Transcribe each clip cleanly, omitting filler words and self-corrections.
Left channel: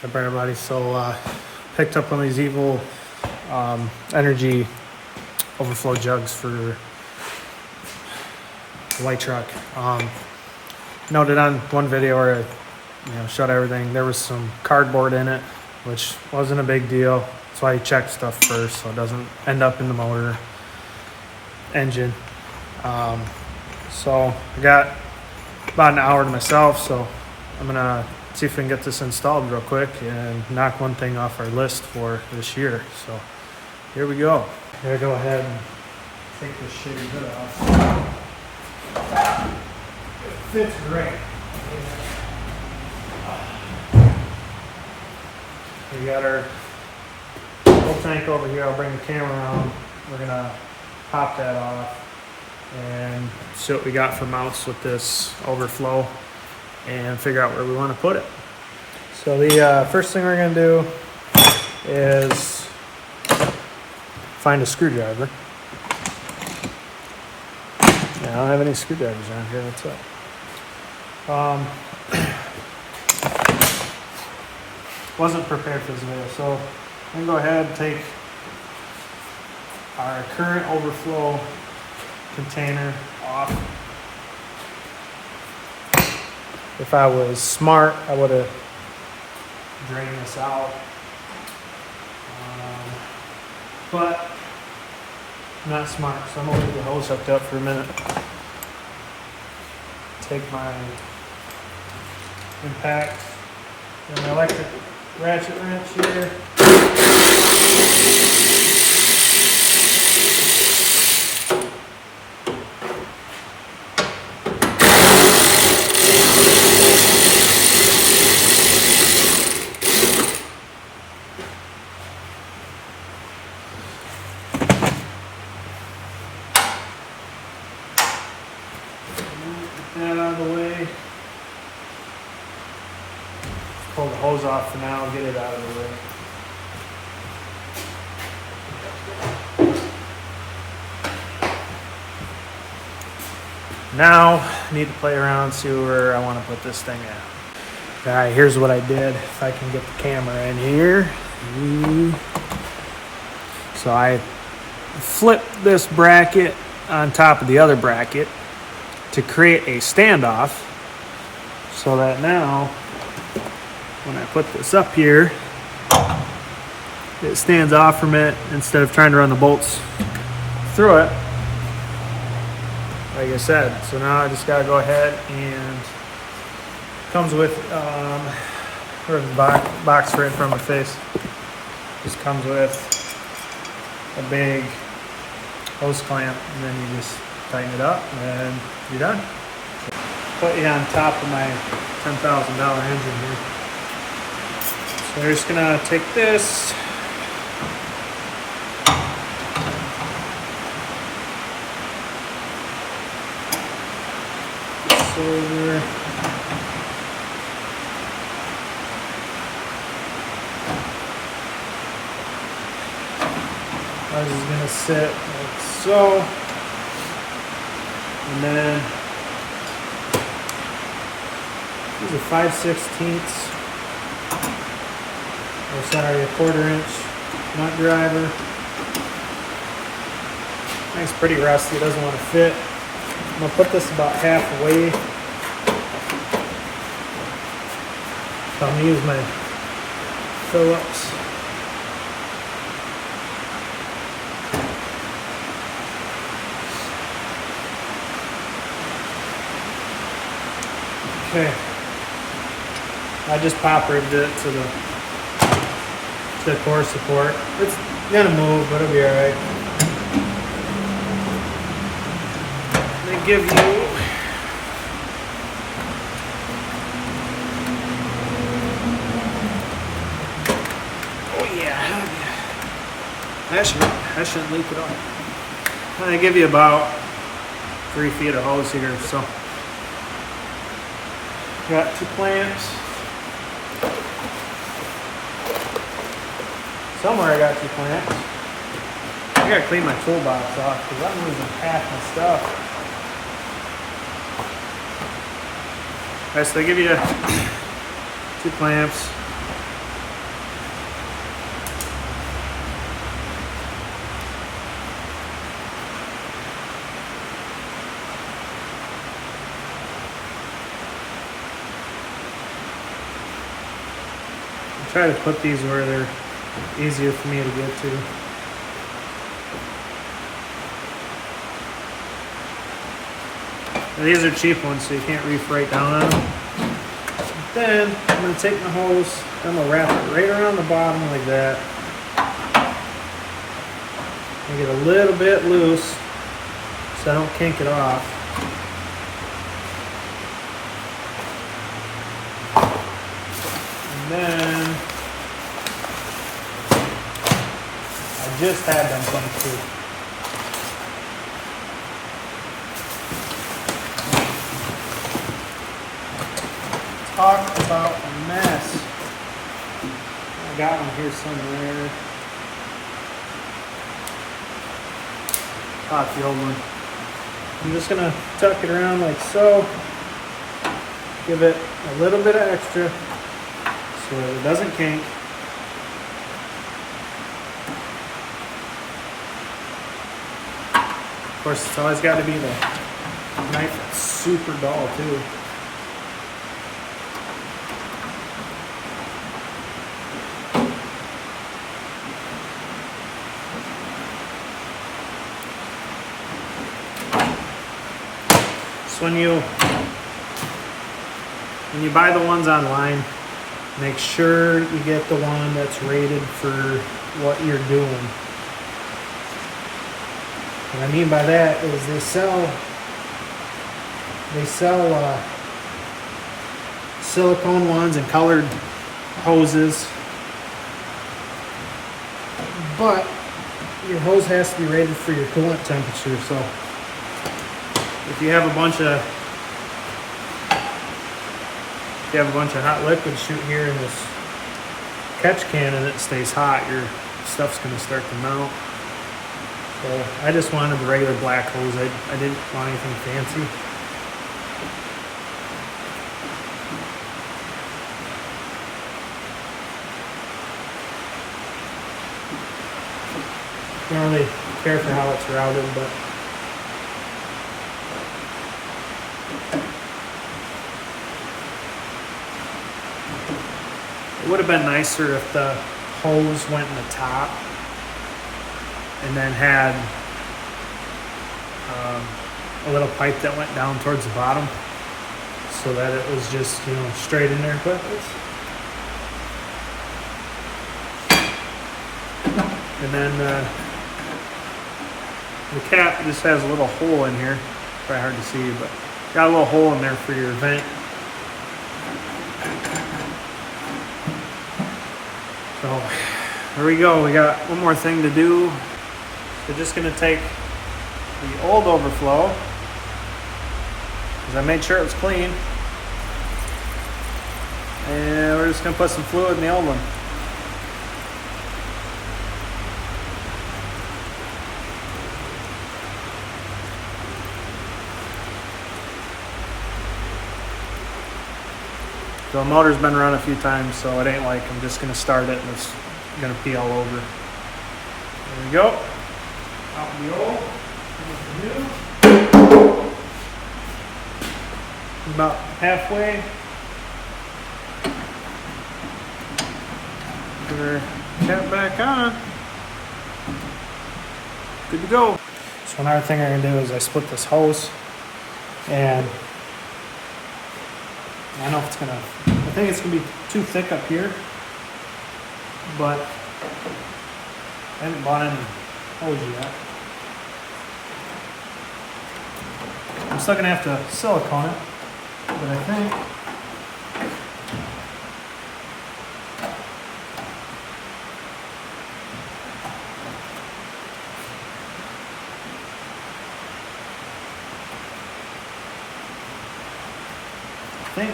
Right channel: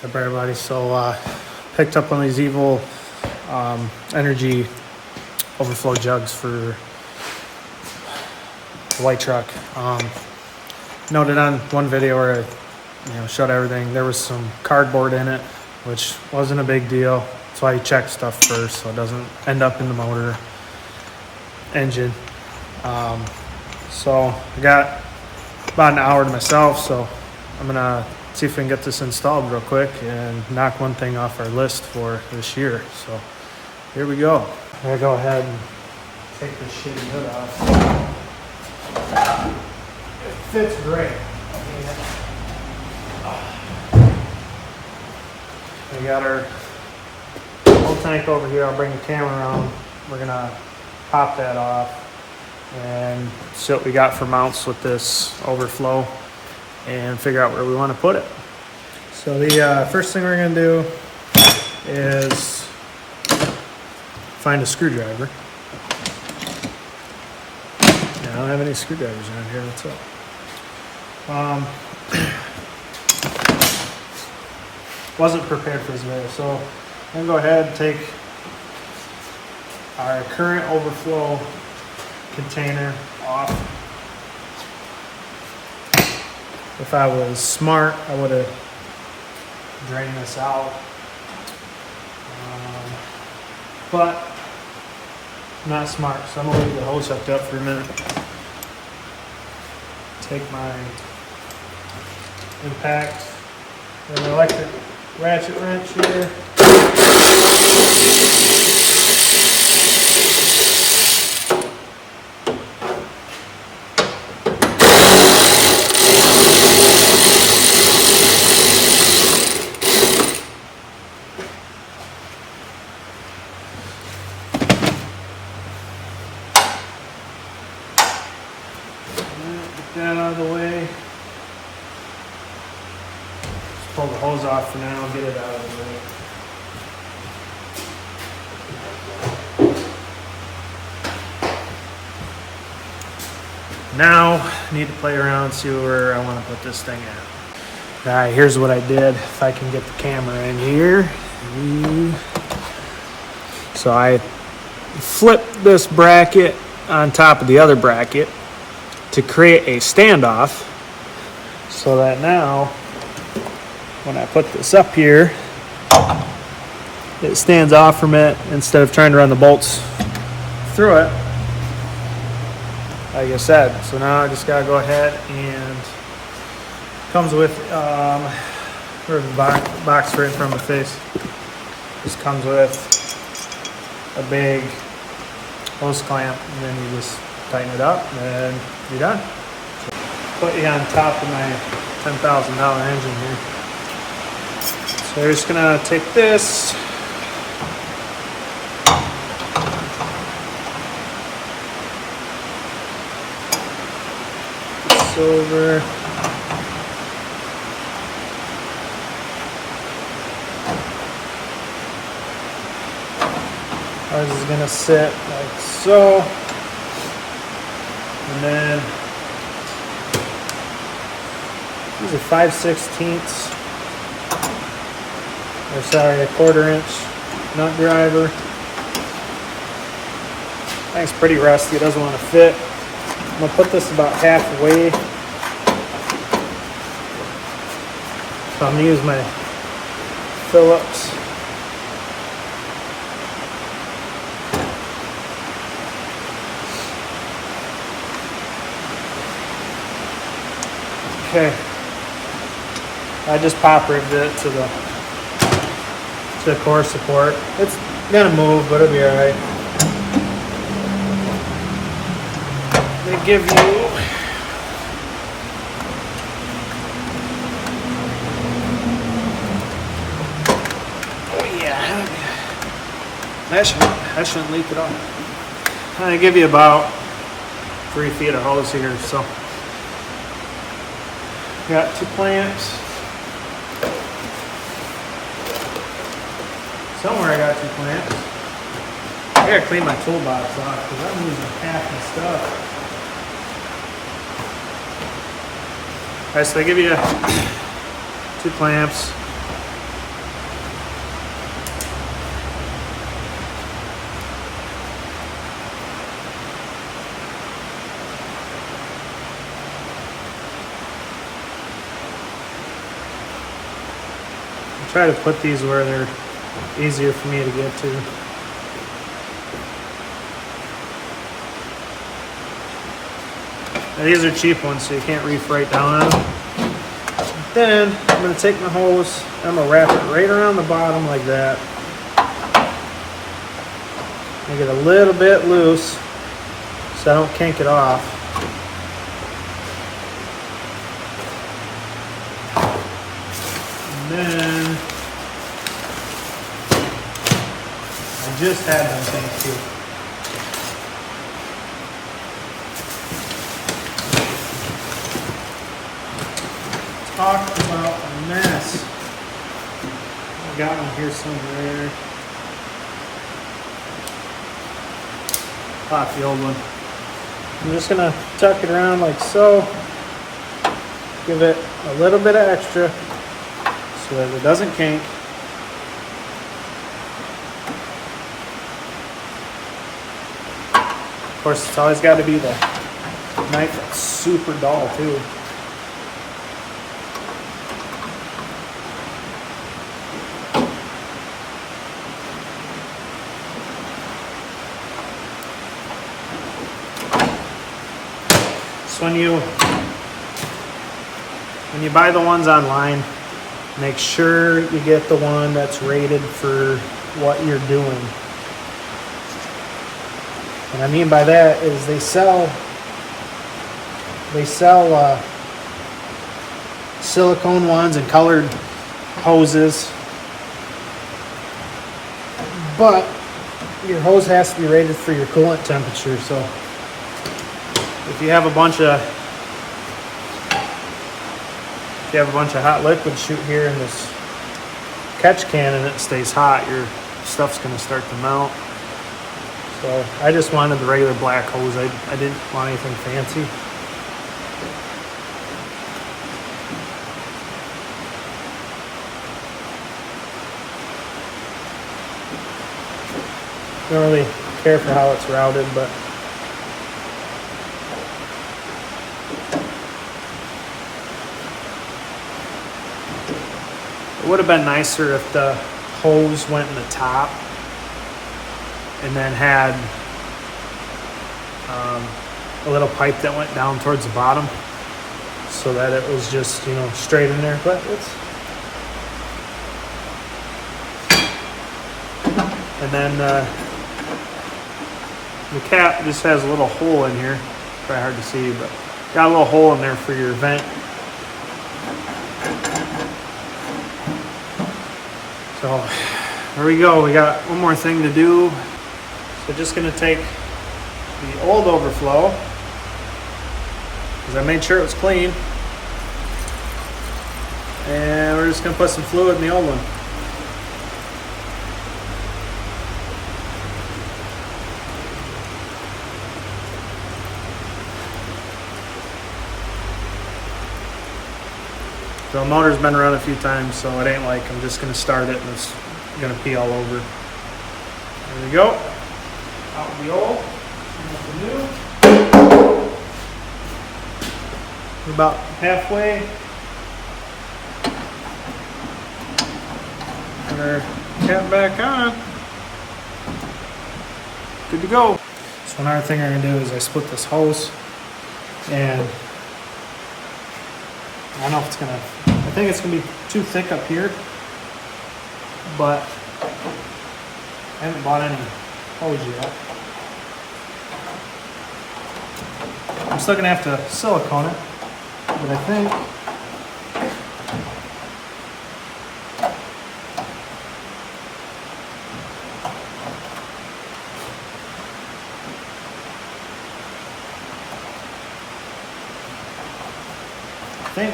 What's up, everybody? So picked up one of these evil energy overflow jugs for the white truck. Noted on one video where I showed everything, there was some cardboard in it, which wasn't a big deal. That's why you check stuff first so it doesn't end up in the motor engine. So I got about an hour to myself, so I'm gonna see if we can get this installed real quick and knock one thing off our list for this year. So here we go. I'm gonna go ahead and take this shitty hood off. It fits great. We got our whole tank over here. I'll bring the camera around. We're gonna pop that off and see what we got for mounts with this overflow and figure out where we want to put it. So the first thing we're going to do is find a screwdriver. I don't have any screwdrivers around here, that's it. Wasn't prepared for this video, so I'm going to go ahead and take our current overflow container off. If I was smart, I would have drained this out. But I'm not smart, so I'm gonna leave the hose hooked up for a minute. Take my impact and my electric ratchet wrench here. Get that out of the way. Pull the hose off for now and get it out of the way. Now I need to play around, see where I want to put this thing at. Alright, here's what I did. If I can get the camera in here. So I flipped this bracket on top of the other bracket to create a standoff, so that now when I put this up here, it stands off from it instead of trying to run the bolts through it, like I said. So now I just gotta go ahead and comes with where's the box right in front of my face. This comes with a big hose clamp, and then you just tighten it up and you're done. Put you on top of my $10,000 engine here. So we're just gonna take this, over. Ours is gonna sit like so. And then these are 5/16, or sorry, a 1/4 inch nut driver. That's pretty rusty, it doesn't want to fit. I'm gonna put this about halfway. So I'm gonna use my Phillips. Okay, I just poppered it to the core support. It's gonna move, but it'll be alright. They give you that shouldn't leak at all. They give you about 3 feet of hose here, so. Got 2 clamps. Somewhere I got 2 clamps. I gotta clean my toolbox off because I'm losing half my stuff. Alright, so they give you 2 clamps. Try to put these where they're easier for me to get to. Now, these are cheap ones, so you can't reef right down on them. Then I'm going to take my hose, I'm going to wrap it right around the bottom like that. Make it a little bit loose so I don't kink it off. And then I just had them come too. Talk about a mess. I got one here somewhere. Pop the old one. I'm just gonna tuck it around like so. Give it a little bit of extra so that it doesn't kink. Of course, it's always got to be the knife that's super dull too. So when you buy the ones online, make sure you get the one that's rated for what you're doing. What I mean by that is they sell silicone ones and colored hoses, but your hose has to be rated for your coolant temperature. So if you have a bunch of hot liquid shoot here in this catch can and it stays hot, your stuff's going to start to melt. So I just wanted the regular black hose. I didn't want anything fancy. Don't really care for how it's routed, but it would have been nicer if the hose went in the top and then had a little pipe that went down towards the bottom so that it was just, straight in there. But and then the cap just has a little hole in here. Probably hard to see, but got a little hole in there for your vent. So there we go. We got one more thing to do. We're just going to take the old overflow, because I made sure it was clean, and we're just going to put some fluid in the old one. So the motor's been run a few times, so it ain't like I'm just going to start it and it's going to pee all over. There we go. Out with the old, in with the new. We're about halfway. Put our cap back on. Good to go. So one other thing I'm going to do is I split this hose, and I don't know if it's gonna, I think it's gonna be too thick up here, but I haven't bought any hose yet. I'm still gonna have to silicone it, but I think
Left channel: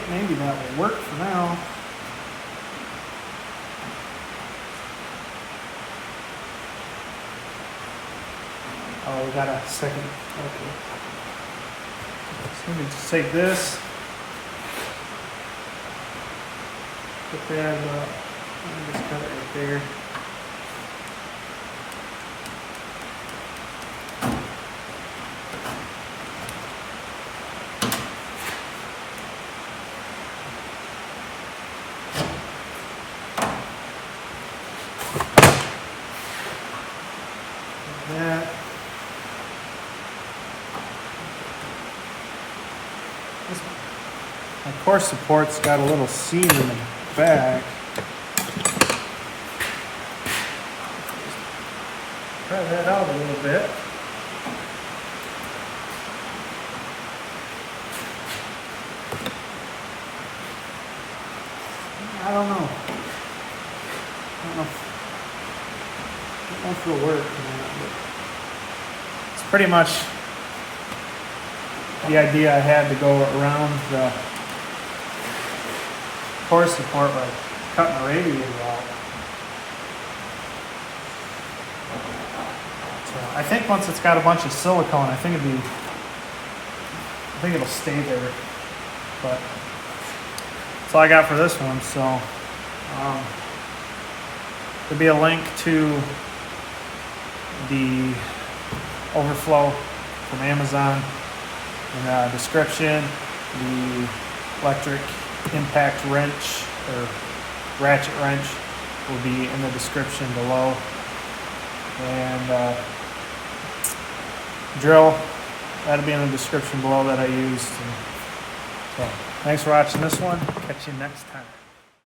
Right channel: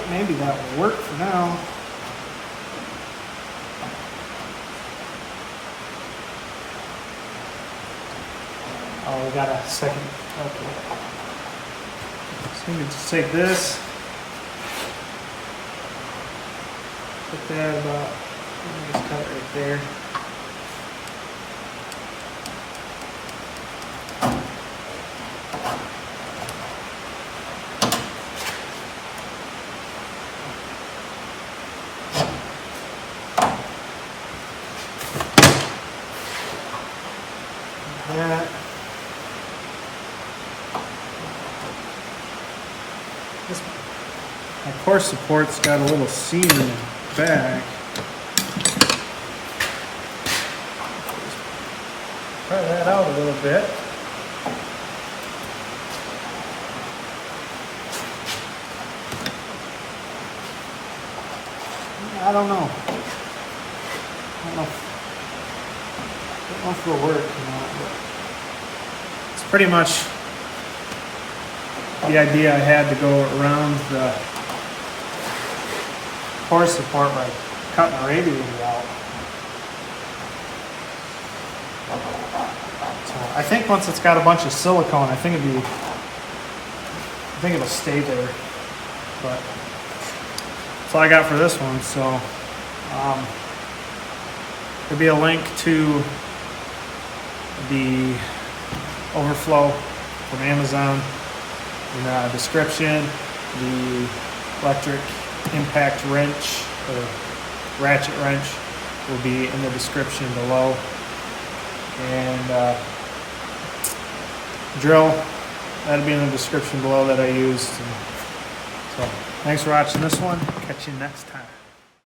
maybe that will work for now. Oh, we got a second. Okay. So we can just take this, put that about, let me just cut it right there. core support's got a little seam in the back. Try that out a little bit. I don't know. I don't know if it'll work or not, but it's pretty much the idea I had to go around the core support where I cut my radiator out. So I think once it's got a bunch of silicone, I think it'll stay there. But that's all I got for this one. So there'll be a link to the overflow from Amazon in the description. The electric impact wrench or ratchet wrench will be in the description below, and drill, that'll be in the description below that I used. And so thanks for watching this one. Catch you next time.